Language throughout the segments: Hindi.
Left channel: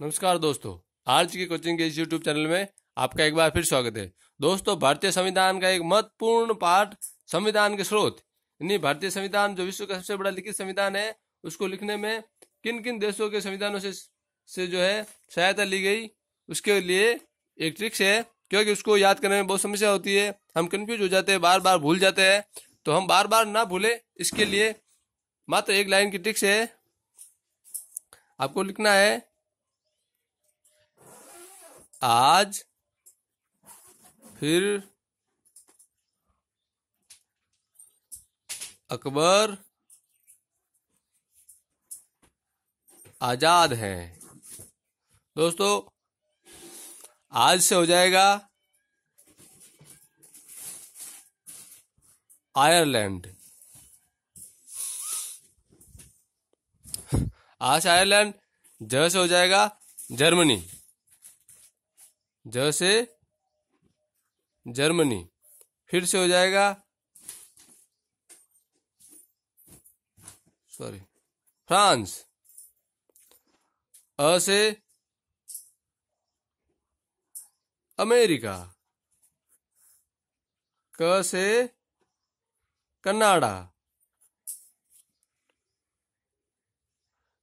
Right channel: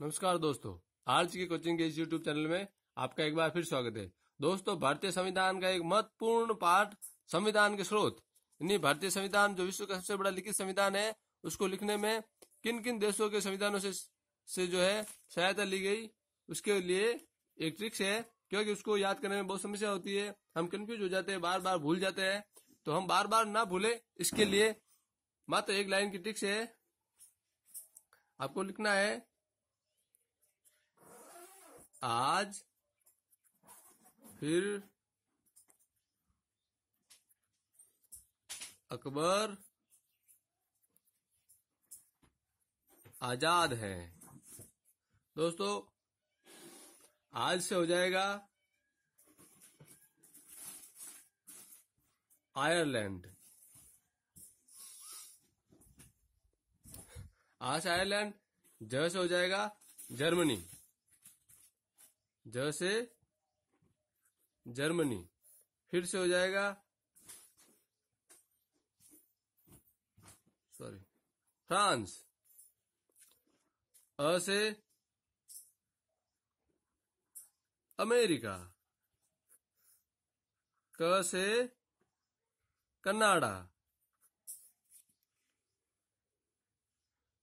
नमस्कार दोस्तों, आज की कोचिंग के इस यूट्यूब चैनल में आपका एक बार फिर स्वागत है। दोस्तों, भारतीय संविधान का एक महत्वपूर्ण पाठ संविधान के स्रोत यानी भारतीय संविधान जो विश्व का सबसे बड़ा लिखित संविधान है, उसको लिखने में किन किन देशों के संविधानों से जो है सहायता ली गई, उसके लिए एक ट्रिक्स है। क्योंकि उसको याद करने में बहुत समस्या होती है, हम कंफ्यूज हो जाते हैं, बार बार भूल जाते हैं। तो हम बार बार ना भूले, इसके लिए मात्र एक लाइन की ट्रिक्स है। आपको लिखना है, आज फिर अकबर आजाद हैं। दोस्तों, आज से हो जाएगा आयरलैंड। आज से आयरलैंड। ज से हो जाएगा जर्मनी। ज से जर्मनी। फिर से हो जाएगा फ्रांस। अ से अमेरिका। क से कनाडा।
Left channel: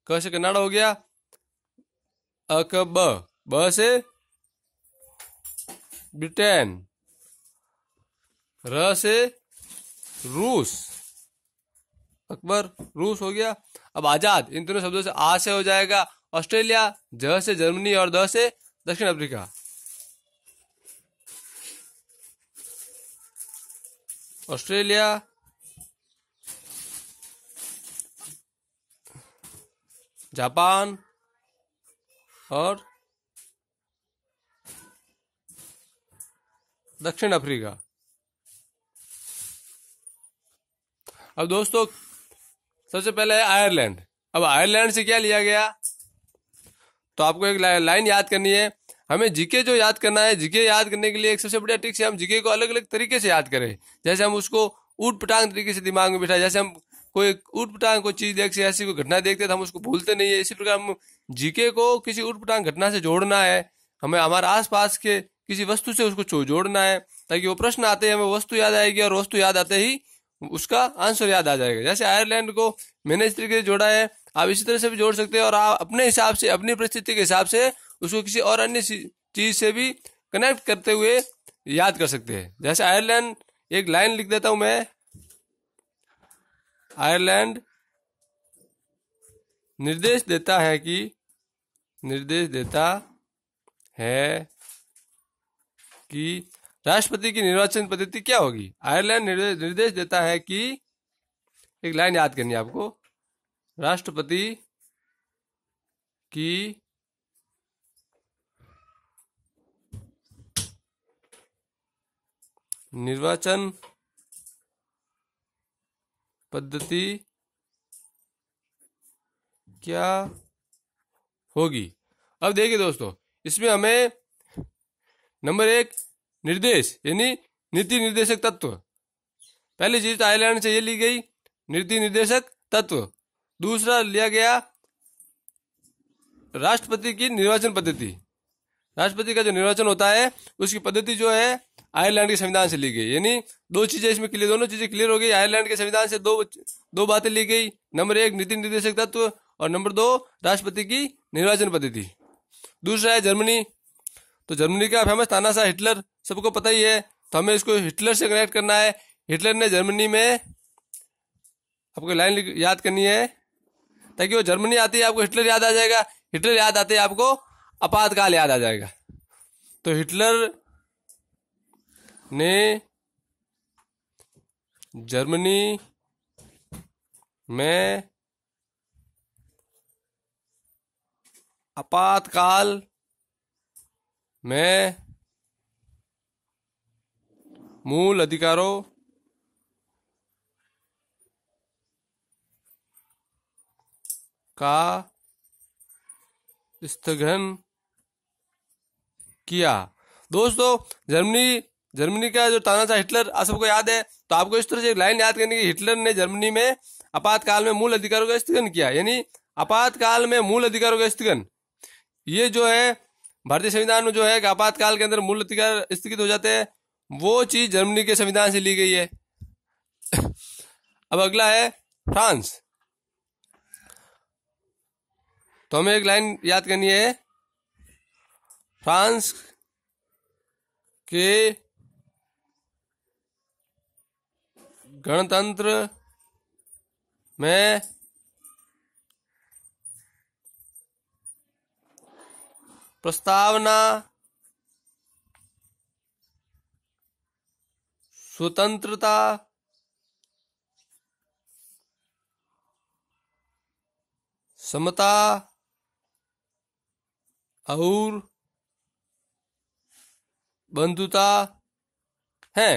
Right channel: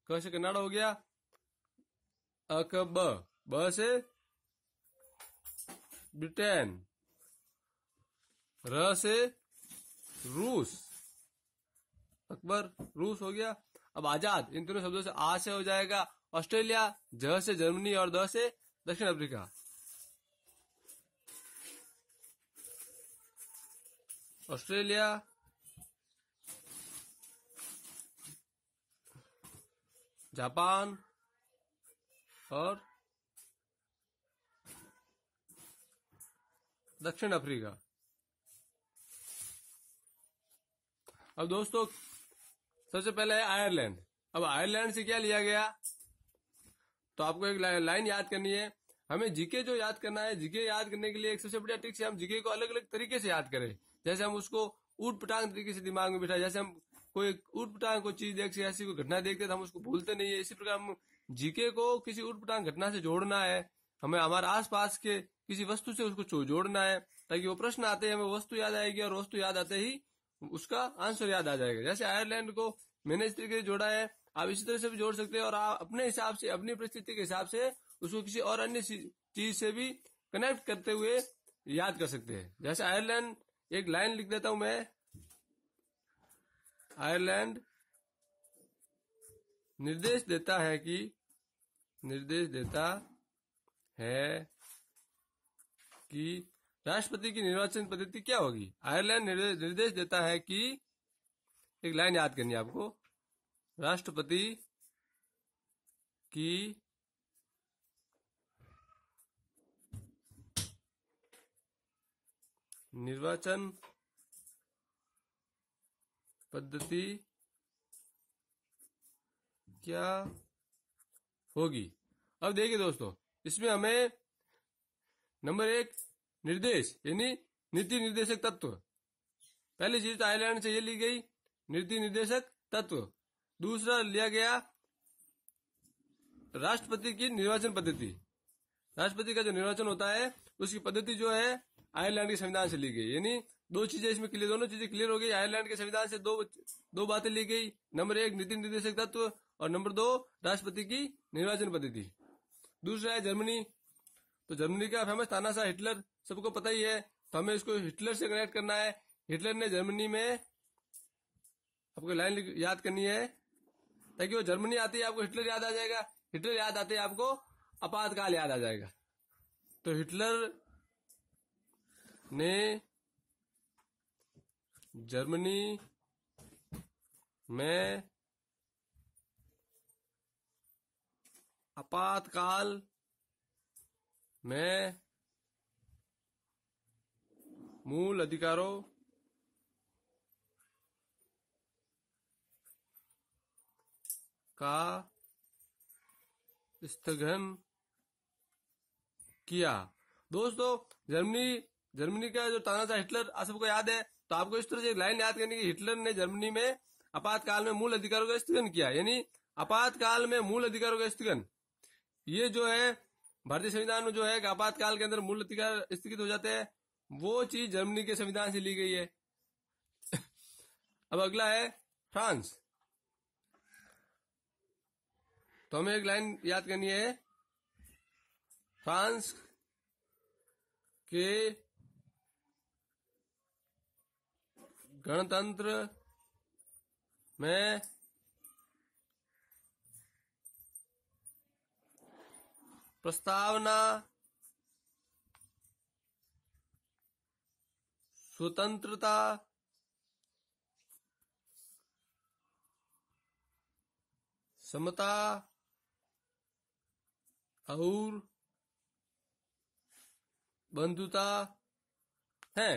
क से कनाडा हो गया। अ क ब। ब से ब्रिटेन। र से रूस। अकबर रूस हो गया। अब आजाद, इन तीनों शब्दों से आ से हो जाएगा ऑस्ट्रेलिया। ज से जर्मनी और द से दक्षिण अफ्रीका। ऑस्ट्रेलिया, जापान और दक्षिण अफ्रीका। अब दोस्तों, सबसे पहले है आयरलैंड। अब आयरलैंड से क्या लिया गया, तो आपको एक लाइन याद करनी है। हमें जीके जो याद करना है, जीके याद करने के लिए एक सबसे बढ़िया ट्रिक है, हम जीके को अलग अलग तरीके से याद करें। जैसे हम उसको ऊट पटांग तरीके से दिमाग में बिठाए। जैसे हम कोई ऊट पटांग कोई चीज देखते, ऐसी कोई घटना देखते तो हम उसको भूलते नहीं है। इसी प्रकार हम जीके को किसी ऊट पटांग घटना से जोड़ना है। हमें हमारे आसपास के किसी वस्तु से उसको जोड़ना है, ताकि वो प्रश्न आते ही हमें वस्तु याद आएगी और वस्तु याद आते ही उसका आंसर याद आ जाएगा। जैसे आयरलैंड को मैंने इस तरीके से जोड़ा है, आप इसी तरह से भी जोड़ सकते हैं और आप अपने हिसाब से, अपनी परिस्थिति के हिसाब से उसको किसी और अन्य चीज से भी कनेक्ट करते हुए याद कर सकते हैं। जैसे आयरलैंड, एक लाइन लिख देता हूं मैं। आयरलैंड निर्देश देता है कि राष्ट्रपति की निर्वाचन पद्धति क्या होगी। आयरलैंड निर्देश देता है कि, एक लाइन याद करनी है आपको, राष्ट्रपति की निर्वाचन पद्धति क्या होगी। अब देखिए दोस्तों, इसमें हमें नंबर 1 निर्देश यानी नीति निर्देशक तत्व। पहली चीज तो आयरलैंड से ये ली गई, नीति निर्देशक तत्व। दूसरा लिया गया राष्ट्रपति की निर्वाचन पद्धति। राष्ट्रपति का जो निर्वाचन होता है उसकी पद्धति जो है आयरलैंड के संविधान से ली गई। यानी दो चीजें इसमें क्लियर, दोनों चीजें क्लियर हो गई। आयरलैंड के संविधान से दो बातें ली गई। नंबर 1 नीति निर्देशक तत्व और नंबर 2 राष्ट्रपति की निर्वाचन पद्धति। दूसरा है जर्मनी। तो जर्मनी का फेमस तानाशाह हिटलर सबको पता ही है, तो हमें इसको हिटलर से कनेक्ट करना है। हिटलर ने जर्मनी में, आपको लाइन याद करनी है, ताकि वो जर्मनी आती है आपको हिटलर याद आ जाएगा, हिटलर याद आते ही आपको आपातकाल याद आ जाएगा। तो हिटलर ने जर्मनी में आपातकाल में मूल अधिकारों का स्थगन किया। दोस्तों, जर्मनी का जो तानाशाह हिटलर आप सबको याद है, तो आपको इस तरह से एक लाइन याद करनी है कि हिटलर ने जर्मनी में आपातकाल में मूल अधिकारों का स्थगन किया। यानी आपातकाल में मूल अधिकारों का स्थगन, ये जो है भारतीय संविधान में जो है कि आपातकाल के अंदर मूल अधिकार स्थगित हो जाते हैं, वो चीज जर्मनी के संविधान से ली गई है। अब अगला है फ्रांस। तो हमें एक लाइन याद करनी है, फ्रांस के गणतंत्र में प्रस्तावना स्वतंत्रता समता और बंधुता है।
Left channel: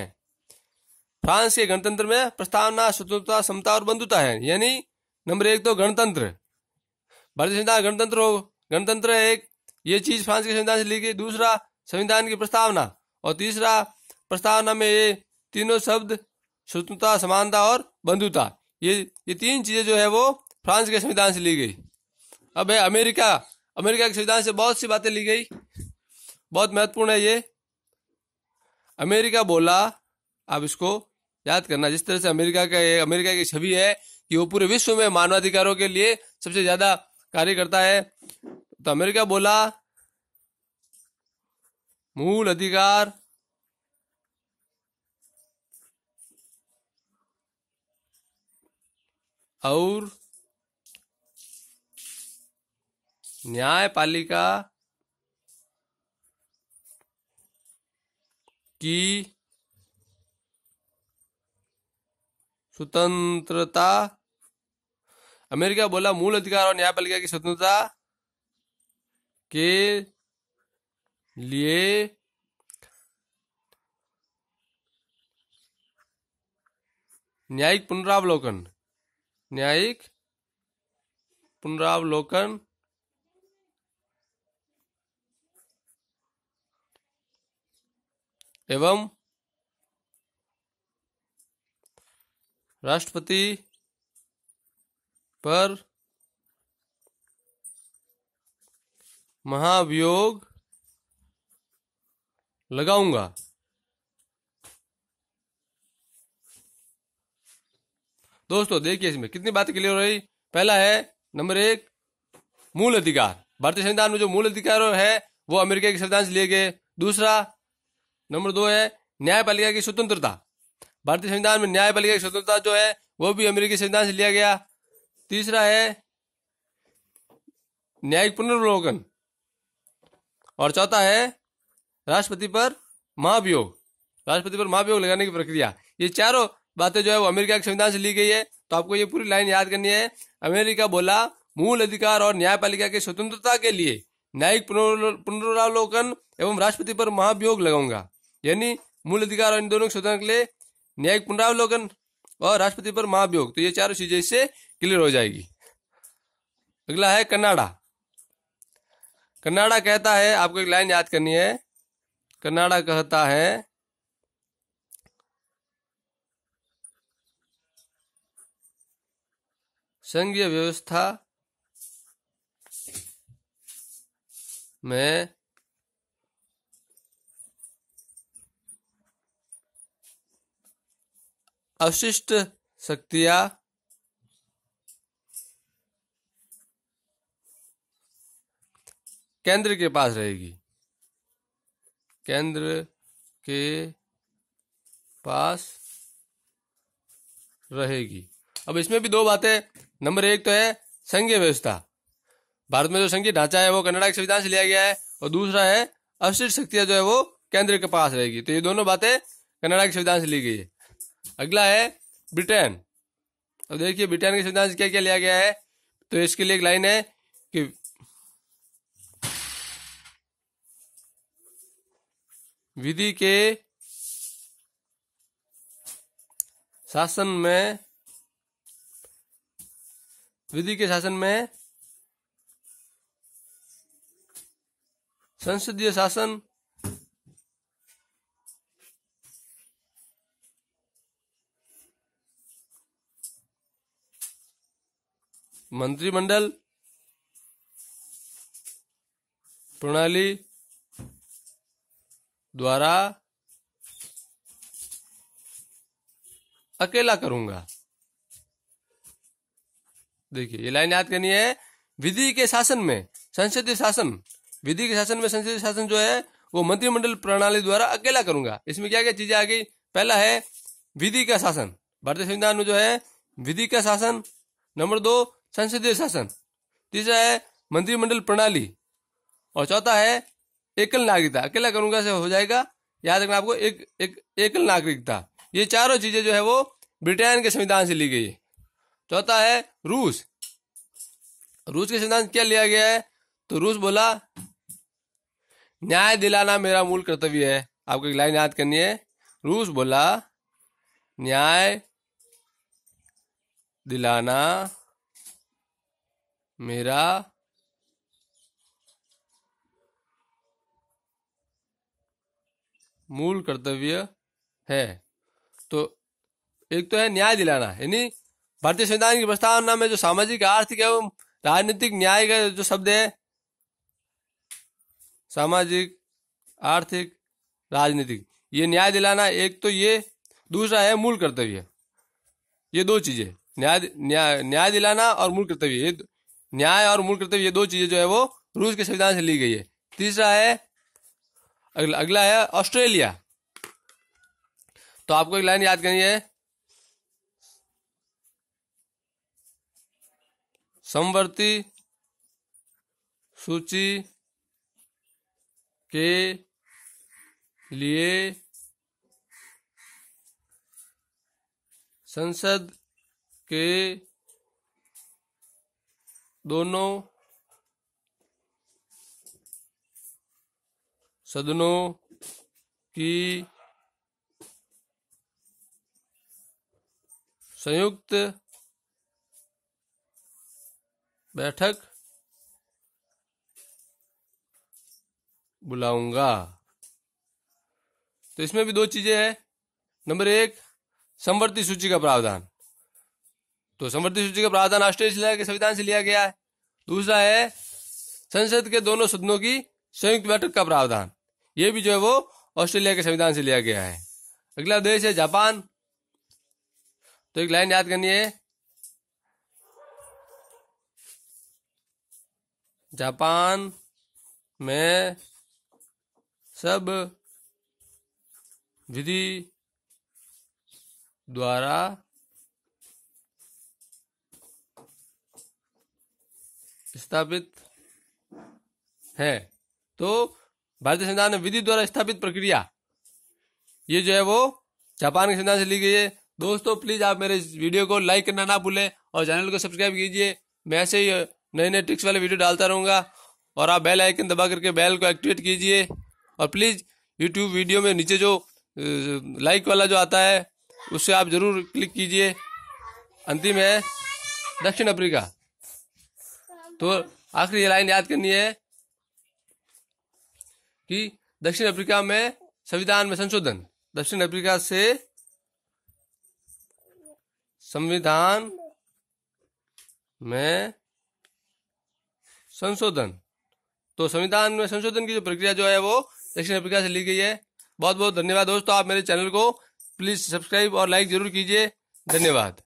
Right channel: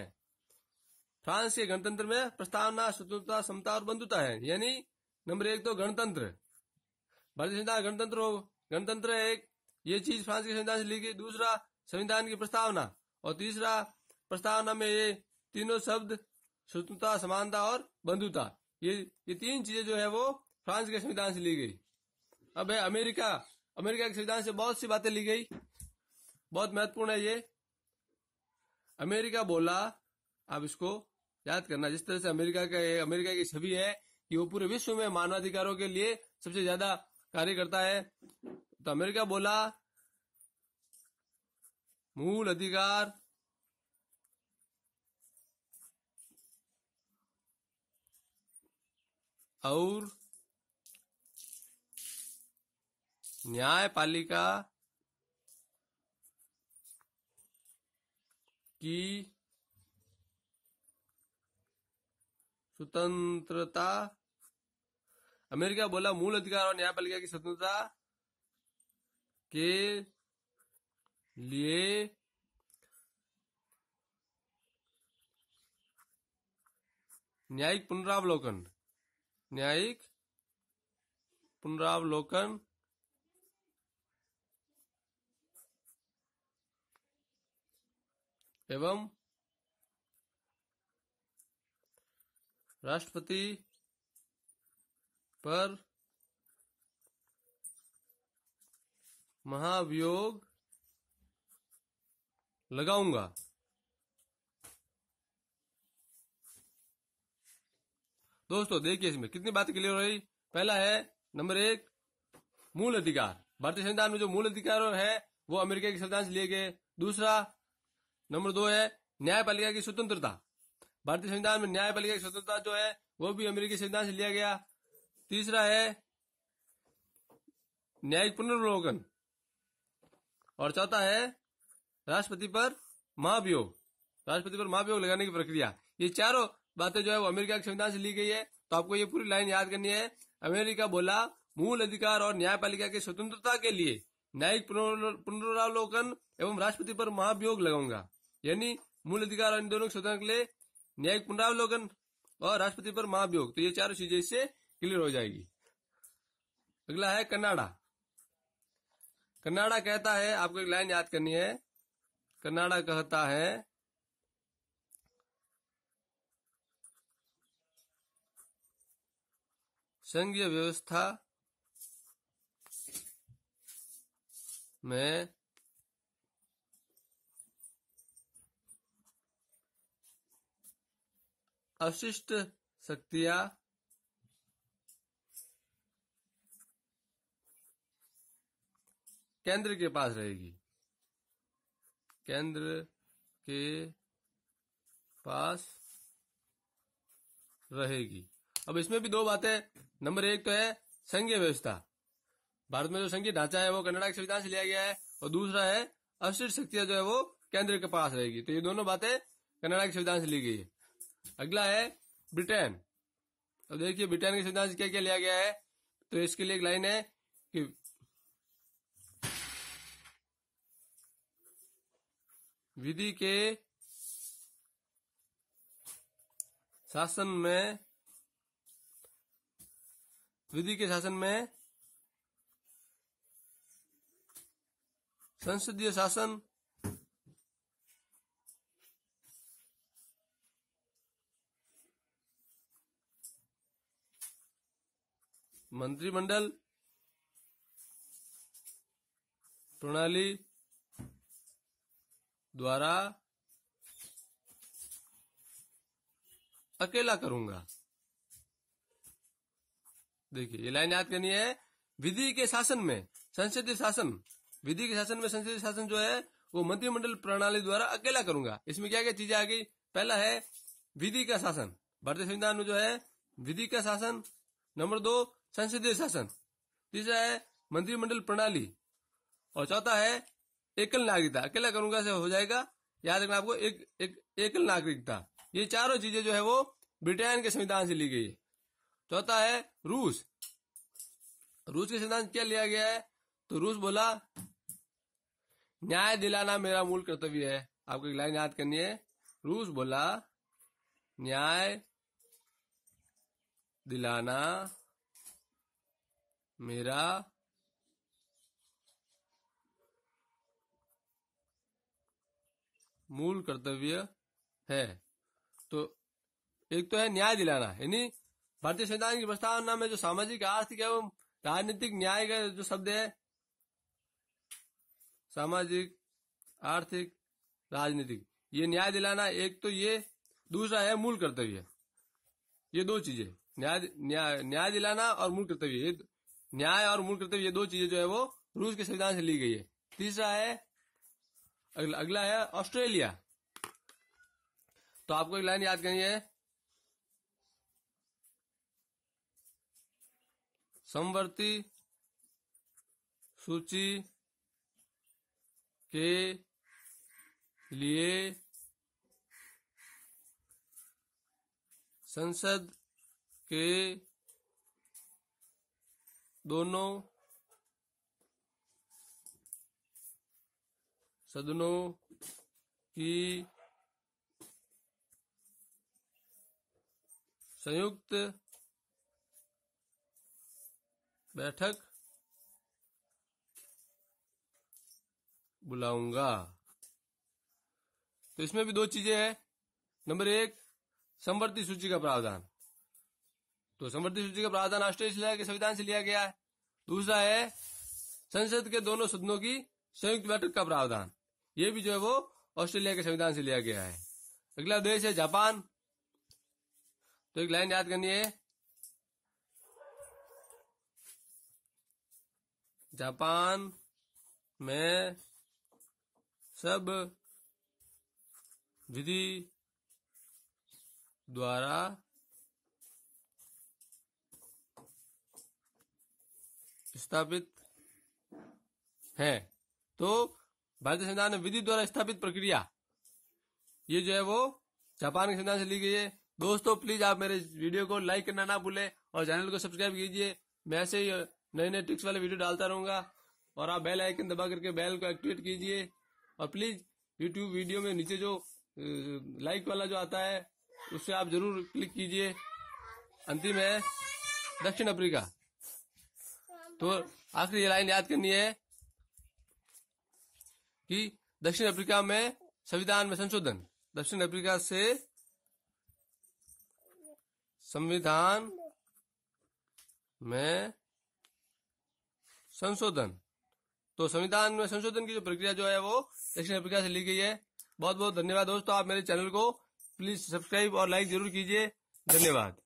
फ्रांस के गणतंत्र में प्रस्तावना स्वतंत्रता समता और बंधुता है। यानी नंबर 1 तो गणतंत्र, भारतीय संविधान गणतंत्र एक ये चीज फ्रांस के संविधान से ली गई। दूसरा संविधान की प्रस्तावना, और तीसरा प्रस्तावना में ये तीनों शब्द स्वतंत्रता समानता और बंधुता, ये तीन चीजें जो है वो फ्रांस के संविधान से ली गई। अब है अमेरिका के संविधान से बहुत सी बातें ली गई, बहुत महत्वपूर्ण है ये। अमेरिका बोला, आप इसको याद करना, जिस तरह से अमेरिका की छवि है कि वो पूरे विश्व में मानवाधिकारों के लिए सबसे ज्यादा कार्य करता है। तो अमेरिका बोला मूल अधिकार और न्यायपालिका की स्वतंत्रता, अमेरिका बोला मूल अधिकार और न्यायपालिका की स्वतंत्रता के लिए न्यायिक पुनरावलोकन एवं राष्ट्रपति पर महाभियोग लगाऊंगा। दोस्तों देखिए इसमें कितनी बातें क्लियर हो रही। पहला है नंबर 1 मूल अधिकार, भारतीय संविधान में जो मूल अधिकार है वो अमेरिका के संविधान से लिए गए। दूसरा नंबर 2 है न्यायपालिका की स्वतंत्रता, भारतीय संविधान में न्यायपालिका की स्वतंत्रता जो है वो भी अमेरिकी संविधान से लिया गया। तीसरा है न्यायिक पुनर्वलोकन, और चौथा है राष्ट्रपति पर महाभियोग लगाने की प्रक्रिया। ये चारों बातें जो है वो अमेरिका के संविधान से ली गई है। तो आपको ये पूरी लाइन याद करनी है। अमेरिका बोला मूल अधिकार और न्यायपालिका की स्वतंत्रता के लिए न्यायिक पुनरावलोकन एवं राष्ट्रपति पर महाभियोग लगाऊंगा। यानी मूल अधिकार और इन दोनों की स्वतंत्रता के लिए न्यायिक पुनरावलोकन और राष्ट्रपति पर महाभियोग, तो ये चारों चीजें इससे क्लियर हो जाएगी। अगला है कनाडा। कनाडा कहता है, आपको एक लाइन याद करनी है। कनाडा कहता है संघीय व्यवस्था में अवशिष्ट शक्तियां केंद्र के पास रहेगी, केंद्र के पास रहेगी। अब इसमें भी दो बातें, नंबर 1 तो है संघीय व्यवस्था, भारत में जो संघीय ढांचा है वो कनाडा के संविधान से लिया गया है, और दूसरा है अवशिष्ट शक्तियां जो है वो केंद्र के पास रहेगी। तो ये दोनों बातें कनाडा के संविधान से ली गई है। अगला है ब्रिटेन। अब देखिए ब्रिटेन के संविधान से क्या क्या लिया गया है। तो इसके लिए एक लाइन है कि विधि के शासन में संसदीय शासन, मंत्रिमंडल प्रणाली द्वारा अकेला करूंगा। देखिए ये लाइन याद करनी है। विधि के शासन में संसदीय शासन, विधि के शासन में संसदीय शासन जो है वो मंत्रिमंडल प्रणाली द्वारा अकेला करूंगा। इसमें क्या क्या चीजें आ गई? पहला है विधि का शासन, भारतीय संविधान में जो है विधि का शासन। नंबर 2 संसदीय शासन। तीसरा है मंत्रिमंडल प्रणाली। और चौथा है एकल नागरिकता। अकेला करूंगा से हो जाएगा, याद रखना आपको, एकल नागरिकता। ये चारों चीजें जो है वो ब्रिटेन के संविधान से ली गई है। चौथा है रूस। रूस के संविधान क्या लिया गया है? तो रूस बोला न्याय दिलाना मेरा मूल कर्तव्य है। आपको एक लाइन याद करनी है। रूस बोला न्याय दिलाना मेरा मूल कर्तव्य है। तो एक तो है न्याय दिलाना, यानी भारतीय संविधान की प्रस्तावना में जो सामाजिक, आर्थिक एवं राजनीतिक न्याय का जो शब्द है, सामाजिक, आर्थिक, राजनीतिक, ये न्याय दिलाना एक तो ये, दूसरा है मूल कर्तव्य। ये दो चीजें, न्याय दिलाना और मूल कर्तव्य, ये न्याय और मूल कर्तव्य, ये दो चीजें जो है वो रूस के संविधान से ली गई है। तीसरा है, अगला है ऑस्ट्रेलिया। तो आपको एक लाइन याद करनी है, समवर्ती सूची के लिए संसद के दोनों सदनों की संयुक्त बैठक बुलाऊंगा। तो इसमें भी दो चीजें हैं। नंबर 1 समवर्ती सूची का प्रावधान। तो समवर्ती सूची का प्रावधान ऑस्ट्रेलिया के संविधान से लिया गया है। दूसरा है संसद के दोनों सदनों की संयुक्त बैठक का प्रावधान। ये भी जो है वो ऑस्ट्रेलिया के संविधान से लिया गया है। अगला देश है जापान। तो एक लाइन याद करनी है, जापान में सब विधि द्वारा स्थापित है। तो भारतीय संविधान में विधि द्वारा स्थापित प्रक्रिया, ये जो है वो जापान के संविधान से ली गई है। दोस्तों प्लीज आप मेरे इस वीडियो को लाइक करना ना भूलें और चैनल को सब्सक्राइब कीजिए। मैं ऐसे ही नए नए ट्रिक्स वाले वीडियो डालता रहूँगा। और आप बेल आइकन दबा करके बेल को एक्टिवेट कीजिए। और प्लीज़ यूट्यूब वीडियो में नीचे जो लाइक वाला जो आता है उससे आप ज़रूर क्लिक कीजिए। अंतिम है दक्षिण अफ्रीका। तो आखिरी ये लाइन याद करनी है कि दक्षिण अफ्रीका में संविधान में संशोधन, दक्षिण अफ्रीका से संविधान में संशोधन। तो संविधान में संशोधन की जो प्रक्रिया जो है वो दक्षिण अफ्रीका से ली गई है। बहुत बहुत धन्यवाद दोस्तों। आप मेरे चैनल को प्लीज सब्सक्राइब और लाइक जरूर कीजिए। धन्यवाद।